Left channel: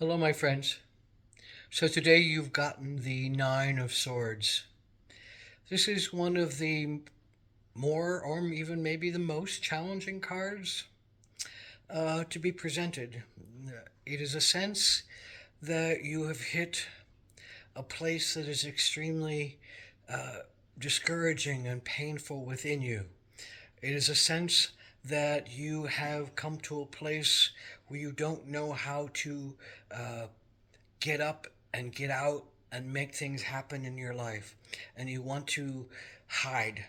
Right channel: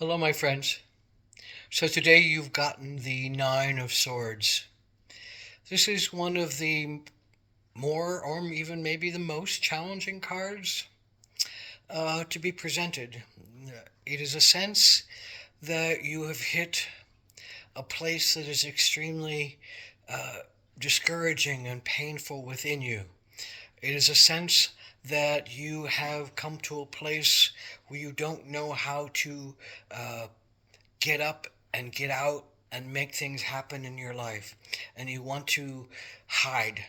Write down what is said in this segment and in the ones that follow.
Hello, my friends. So today you've gotten the Nine of Swords. This is one of the more, or even maybe the most challenging cards to be presented. It is a sense that you have hit a place that is extremely discouraging and painful within you. It is a sense that you have come to a place where you don't know how to get up and get out and make things happen in your life. And you want to hide.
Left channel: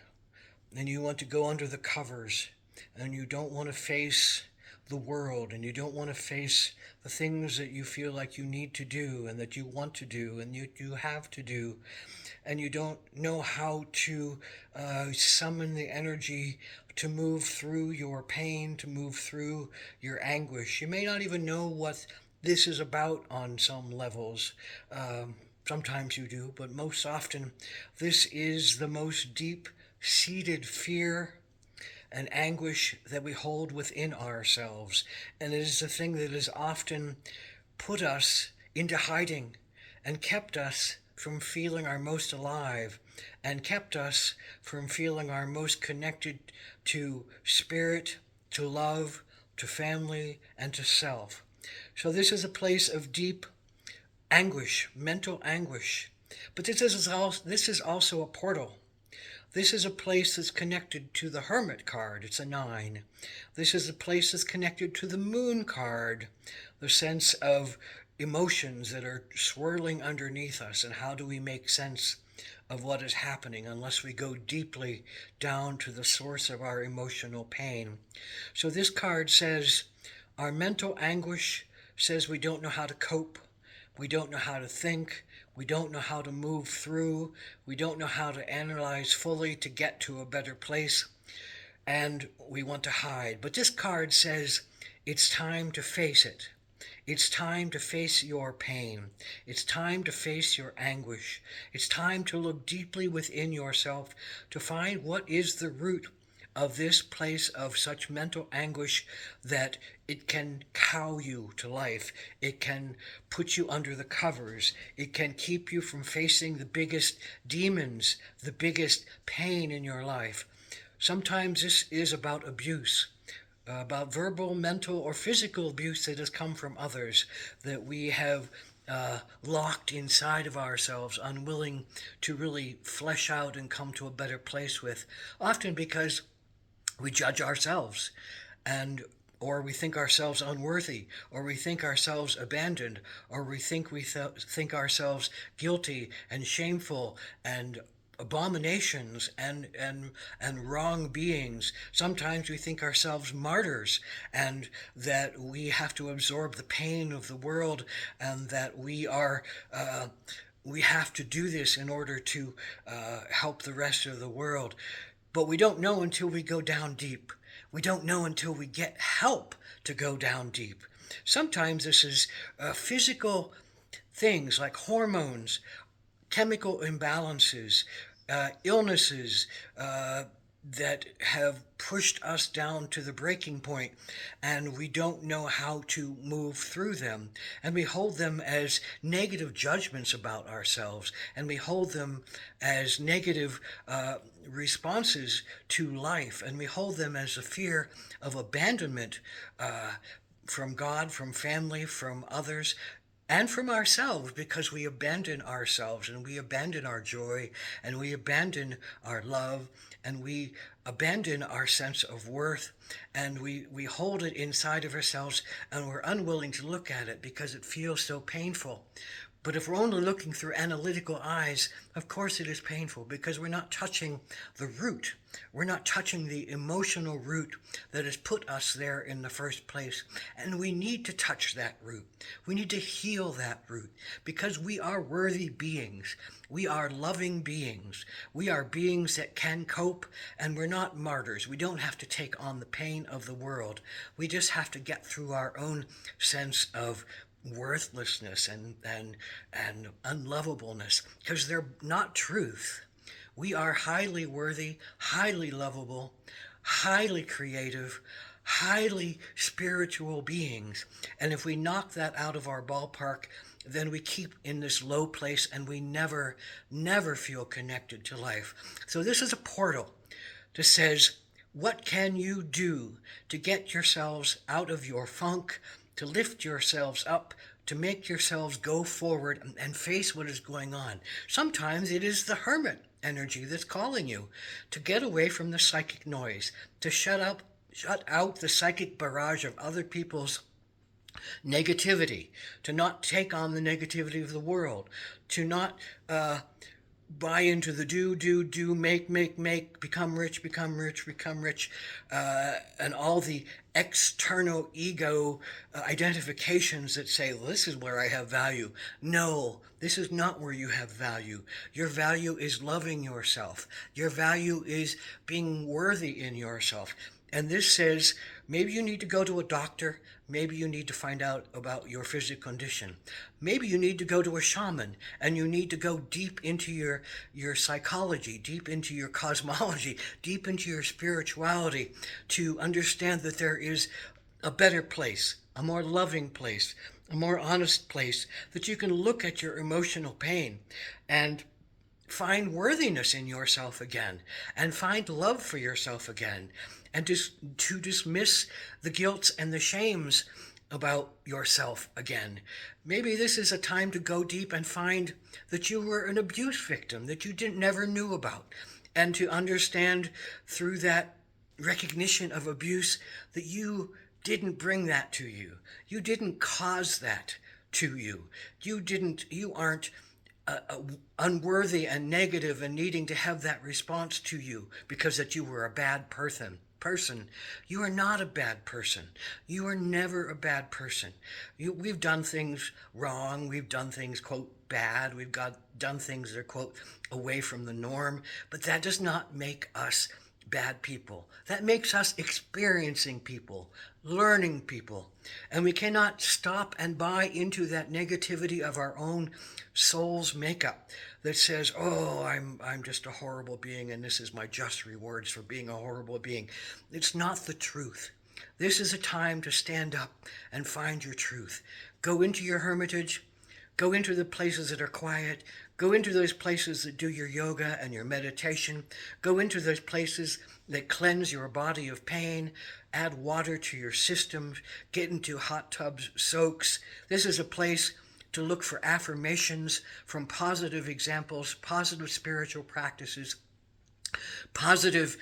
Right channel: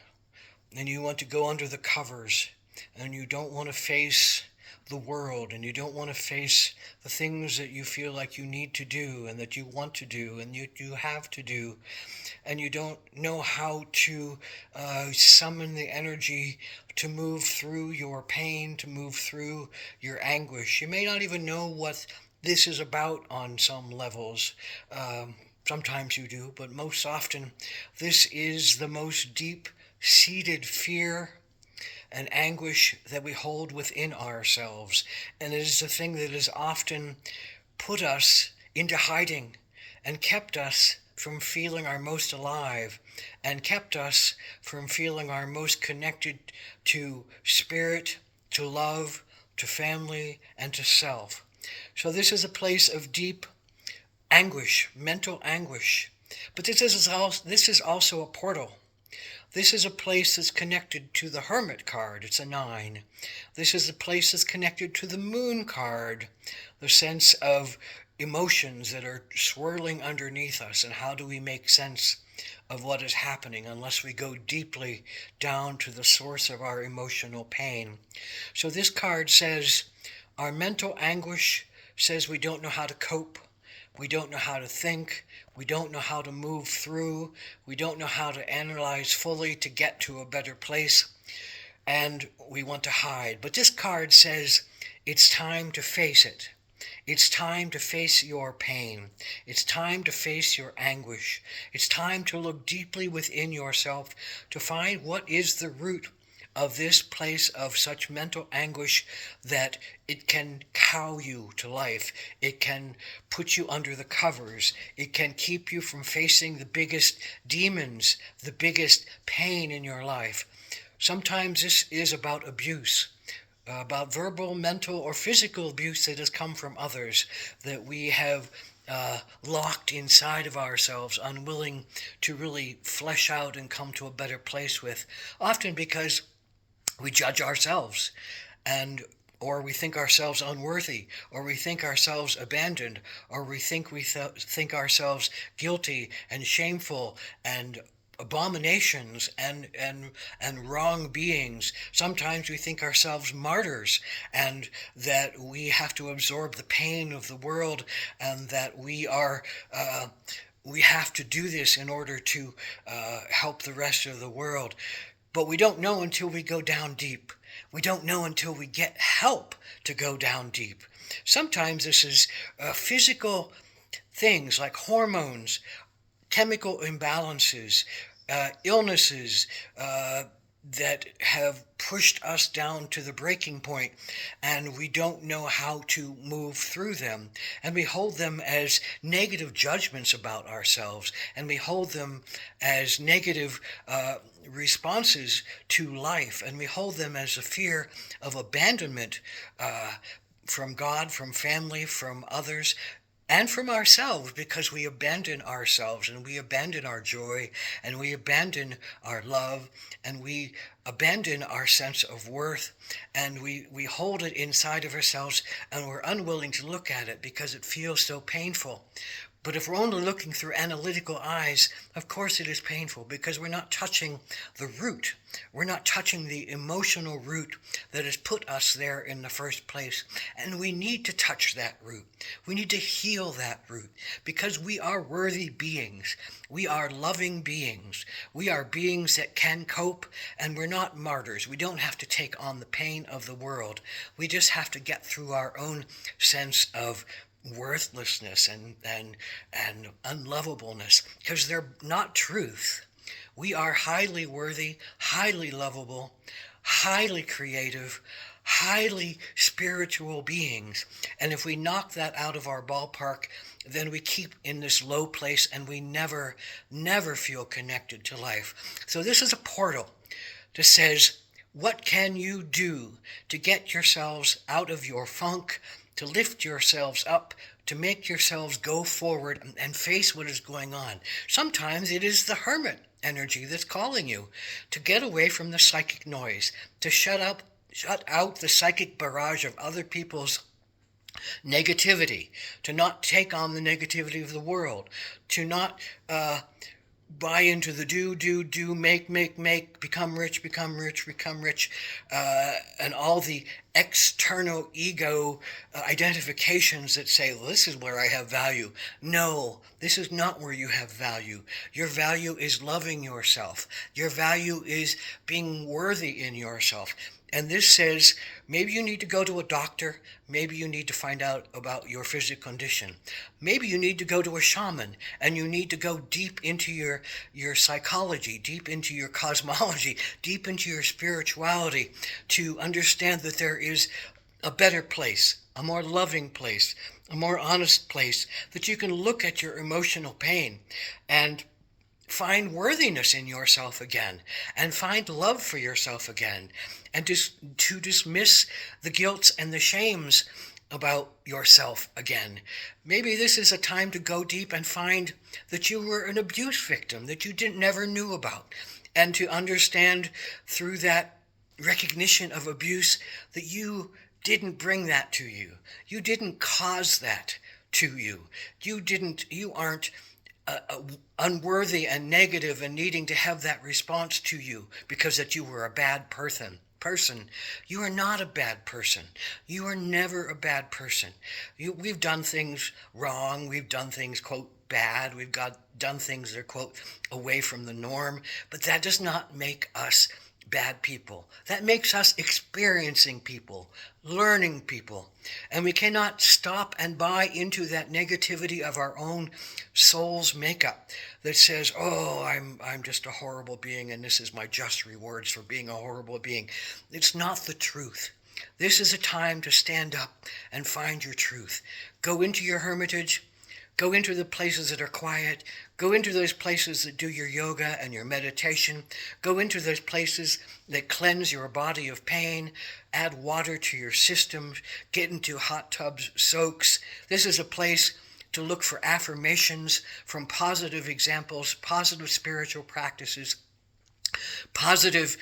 And you want to go under the covers. And you don't want to face the world. And you don't want to face the things that you feel like you need to do and that you want to do and you have to do. And you don't know how to summon the energy to move through your pain, to move through your anguish. You may not even know what this is about on some levels. Sometimes you do, but most often, this is the most deep seated fear and anguish that we hold within ourselves. And it is the thing that has often put us into hiding and kept us from feeling our most alive and kept us from feeling our most connected to spirit, to love, to family, and to self. So this is a place of deep anguish, mental anguish. But this is also a portal. This is a place that's connected to the Hermit card. It's a 9. This is a place that's connected to the Moon card, the sense of emotions that are swirling underneath us, and how do we make sense of what is happening unless we go deeply down to the source of our emotional pain. So this card says our mental anguish says we don't know how to cope, we don't know how to think, we don't know how to move through, we don't know how to analyze fully to get to a better place, and we want to hide. But this card says it's time to face it. It's time to face your pain. It's time to face your anguish. It's time to look deeply within yourself to find what is the root of this place of such mental anguish that it can cow you to life. It can put you under the covers. It can keep you from facing the biggest demons, the biggest pain in your life. Sometimes this is about abuse, about verbal, mental, or physical abuse that has come from others that we have locked inside of ourselves, unwilling to really flesh out and come to a better place with, often because we judge ourselves and or we think ourselves unworthy, or we think ourselves abandoned, or we think ourselves guilty and shameful and abominations and wrong beings. Sometimes we think ourselves martyrs and that we have to absorb the pain of the world and that we have to do this in order to help the rest of the world. But we don't know until we go down deep. We don't know until we get help to go down deep. Sometimes this is physical things like hormones, chemical imbalances, illnesses that have pushed us down to the breaking point, and we don't know how to move through them. And we hold them as negative judgments about ourselves, and we hold them as negative responses to life, and we hold them as a fear of abandonment from God, from family, from others, and from ourselves, because we abandon ourselves and we abandon our joy and we abandon our love and we abandon our sense of worth, and we hold it inside of ourselves and we're unwilling to look at it because it feels so painful. But if we're only looking through analytical eyes, of course it is painful because we're not touching the root. We're not touching the emotional root that has put us there in the first place. And we need to touch that root. We need to heal that root because we are worthy beings. We are loving beings. We are beings that can cope, and we're not martyrs. We don't have to take on the pain of the world. We just have to get through our own sense of worthlessness and unlovableness, because they're not truth. We are highly worthy, highly lovable, highly creative, highly spiritual beings. And if we knock that out of our ballpark, then we keep in this low place and we never, never feel connected to life. So this is a portal that says, what can you do to get yourselves out of your funk, to lift yourselves up, to make yourselves go forward and face what is going on? Sometimes it is the hermit energy that's calling you to get away from the psychic noise, to shut out the psychic barrage of other people's negativity, to not take on the negativity of the world, to not buy into the do, make, become rich, and all the external ego identifications that say, well, this is where I have value. No, this is not where you have value. Your value is loving yourself. Your value is being worthy in yourself. And this says, maybe you need to go to a doctor. Maybe you need to find out about your physical condition. Maybe you need to go to a shaman, and you need to go deep into your psychology, deep into your cosmology, deep into your spirituality to understand that there is a better place, a more loving place, a more honest place, that you can look at your emotional pain and find worthiness in yourself again, and find love for yourself again, and to dismiss the guilts and the shames about yourself again. Maybe this is a time to go deep and find that you were an abuse victim that you never knew about, and to understand through that recognition of abuse that you didn't bring that to you. You didn't cause that to you. You aren't unworthy and negative and needing to have that response to you because that you were a bad person. You are not a bad person. You are never a bad person. We've done things wrong. We've done things, quote, bad. We've done things that are, quote, away from the norm. But that does not make us bad people. That makes us experiencing people, learning people. And we cannot stop and buy into that negativity of our own soul's makeup that says, oh, I'm just a horrible being and this is my just rewards for being a horrible being. It's not the truth. This is a time to stand up and find your truth. Go into your hermitage. Go into the places that are quiet. Go into those places that do your yoga and your meditation. Go into those places that cleanse your body of pain. Add water to your system. Get into hot tubs, soaks. This is a place to look for affirmations from positive examples, positive spiritual practices, positive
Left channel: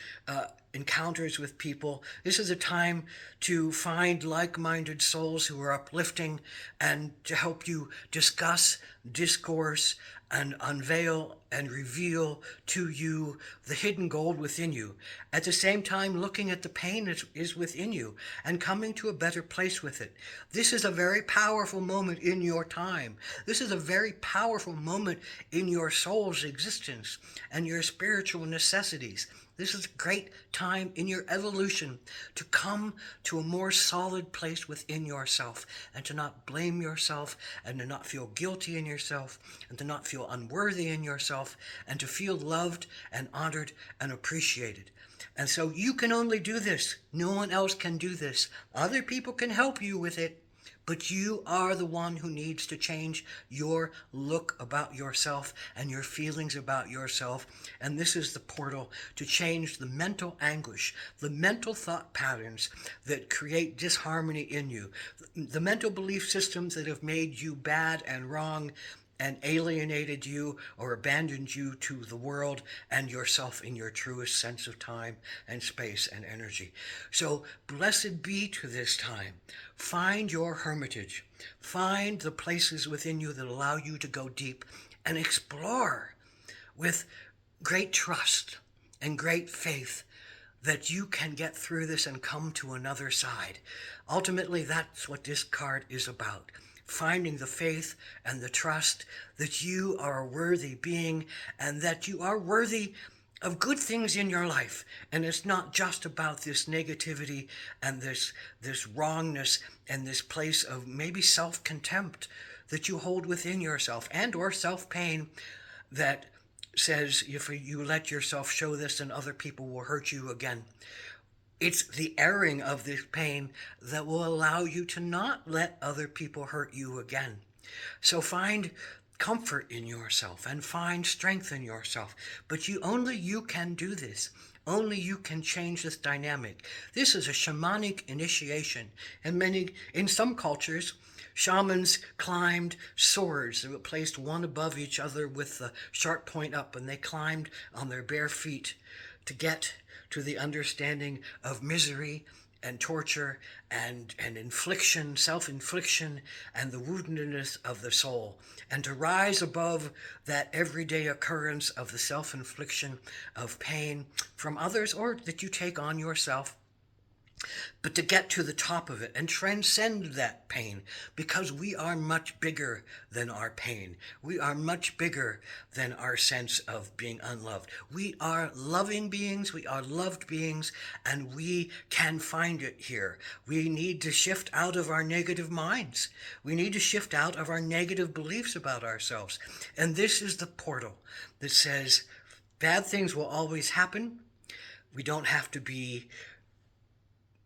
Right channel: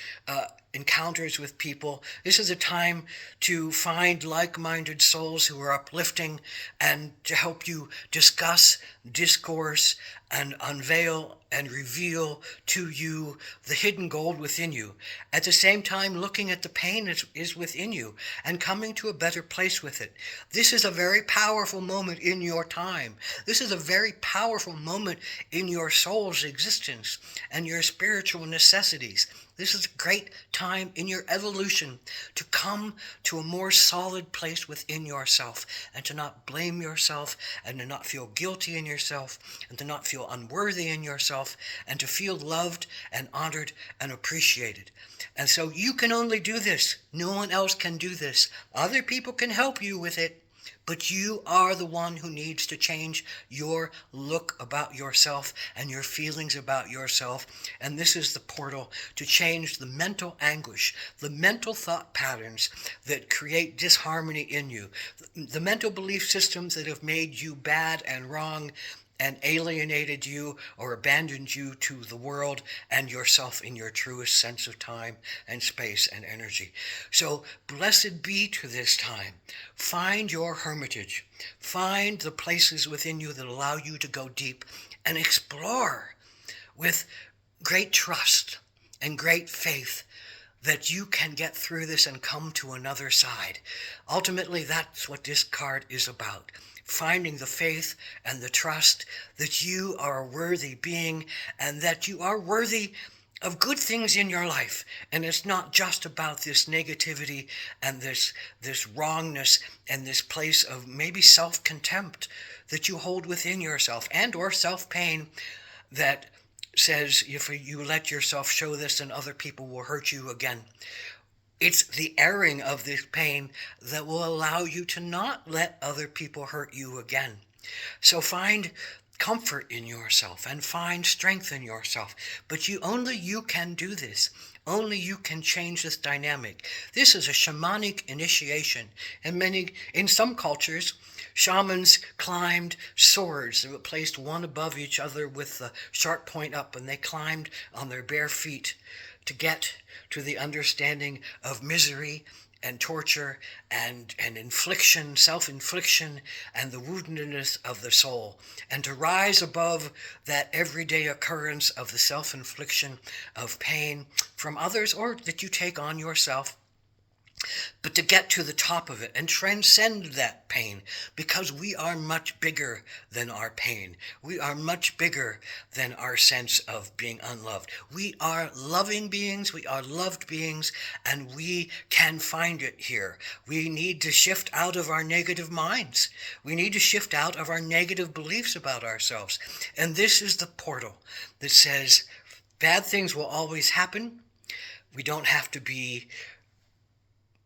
encounters with people. This is a time to find like-minded souls who are uplifting and to help you discuss, discourse, and unveil and reveal to you the hidden gold within you. At the same time, looking at the pain that is within you and coming to a better place with it. This is a very powerful moment in your time. This is a very powerful moment in your soul's existence and your spiritual necessities. This is a great time in your evolution to come to a more solid place within yourself and to not blame yourself and to not feel guilty in yourself and to not feel unworthy in yourself and to feel loved and honored and appreciated. And so you can only do this. No one else can do this. Other people can help you with it. But you are the one who needs to change your look about yourself and your feelings about yourself. And this is the portal to change the mental anguish, the mental thought patterns that create disharmony in you, the mental belief systems that have made you bad and wrong and alienated you or abandoned you to the world and yourself in your truest sense of time and space and energy. So blessed be to this time. Find your hermitage. Find the places within you that allow you to go deep and explore with great trust and great faith that you can get through this and come to another side. Ultimately, that's what this card is about. Finding the faith and the trust that you are a worthy being and that you are worthy of good things in your life. And it's not just about this negativity and this wrongness and this place of maybe self-contempt that you hold within yourself and or self-pain that says if you let yourself show this, then other people will hurt you again. It's the airing of this pain that will allow you to not let other people hurt you again. So find comfort in yourself and find strength in yourself. But only you can do this. Only you can change this dynamic. This is a shamanic initiation. And in some cultures, shamans climbed swords that were placed one above each other with the sharp point up, and they climbed on their bare feet to get to the understanding of misery and torture and infliction, self-infliction, and the woundedness of the soul, and to rise above that everyday occurrence of the self-infliction of pain from others or that you take on yourself, but to get to the top of it and transcend that pain, because we are much bigger than our pain. We are much bigger than our sense of being unloved. We are loving beings, we are loved beings, and we can find it here. We need to shift out of our negative minds. We need to shift out of our negative beliefs about ourselves. And this is the portal that says bad things will always happen. We don't have to be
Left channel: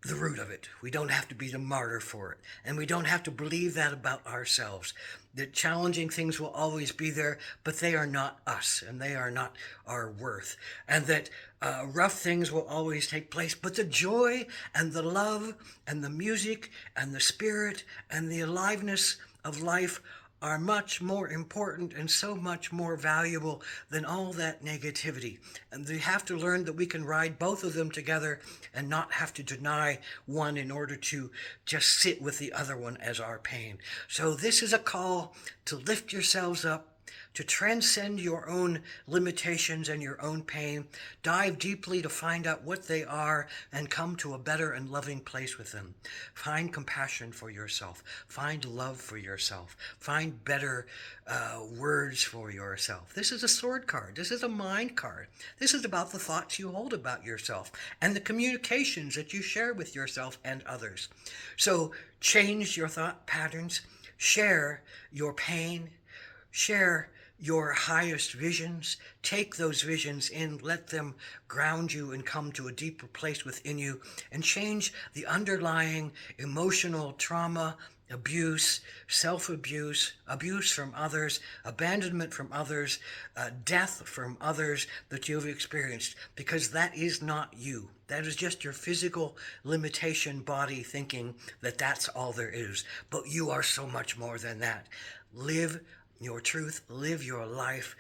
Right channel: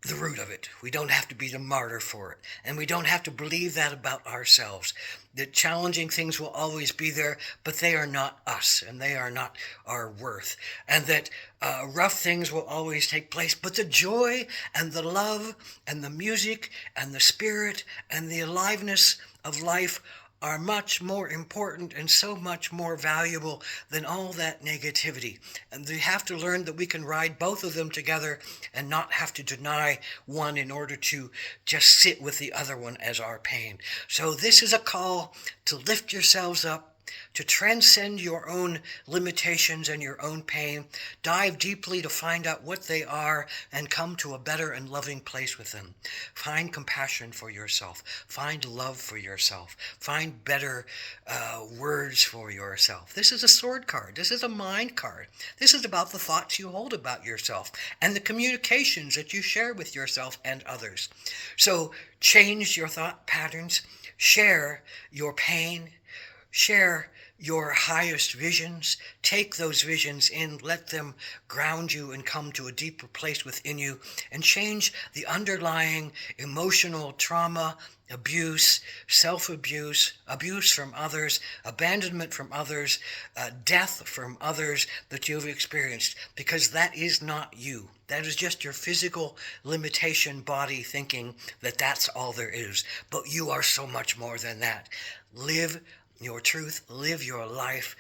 the root of it. We don't have to be the martyr for it. And we don't have to believe that about ourselves. That challenging things will always be there, but they are not us, and they are not our worth. And that rough things will always take place, but the joy and the love and the music and the spirit and the aliveness of life are much more important and so much more valuable than all that negativity. And we have to learn that we can ride both of them together and not have to deny one in order to just sit with the other one as our pain. So this is a call to lift yourselves up, to transcend your own limitations and your own pain, dive deeply to find out what they are, and come to a better and loving place with them. Find compassion for yourself. Find love for yourself. Find better words for yourself. This is a sword card. This is a mind card. This is about the thoughts you hold about yourself and the communications that you share with yourself and others. So change your thought patterns. Share your pain. Share your highest visions. Take those visions in, let them ground you and come to a deeper place within you, and change the underlying emotional trauma, abuse, self-abuse, abuse from others, abandonment from others, death from others that you've experienced, because that is not you. That is just your physical limitation body thinking that that's all there is. But you are so much more than that. Live your truth, live your life,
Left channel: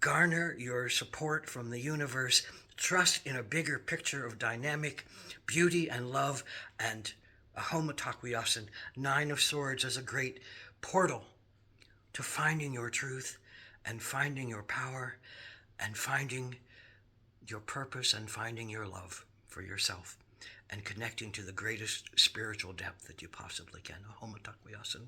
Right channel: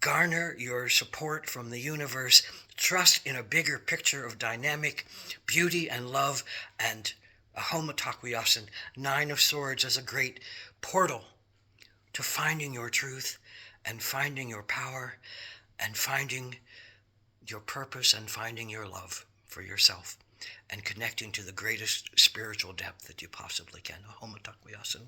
garner your support from the universe, trust in a bigger picture of dynamic beauty and love, and a homotakwiasan, Nine of Swords, as a great portal to finding your truth and finding your power and finding your purpose and finding your love for yourself and connecting to the greatest spiritual depth that you possibly can, a homotakwiasan.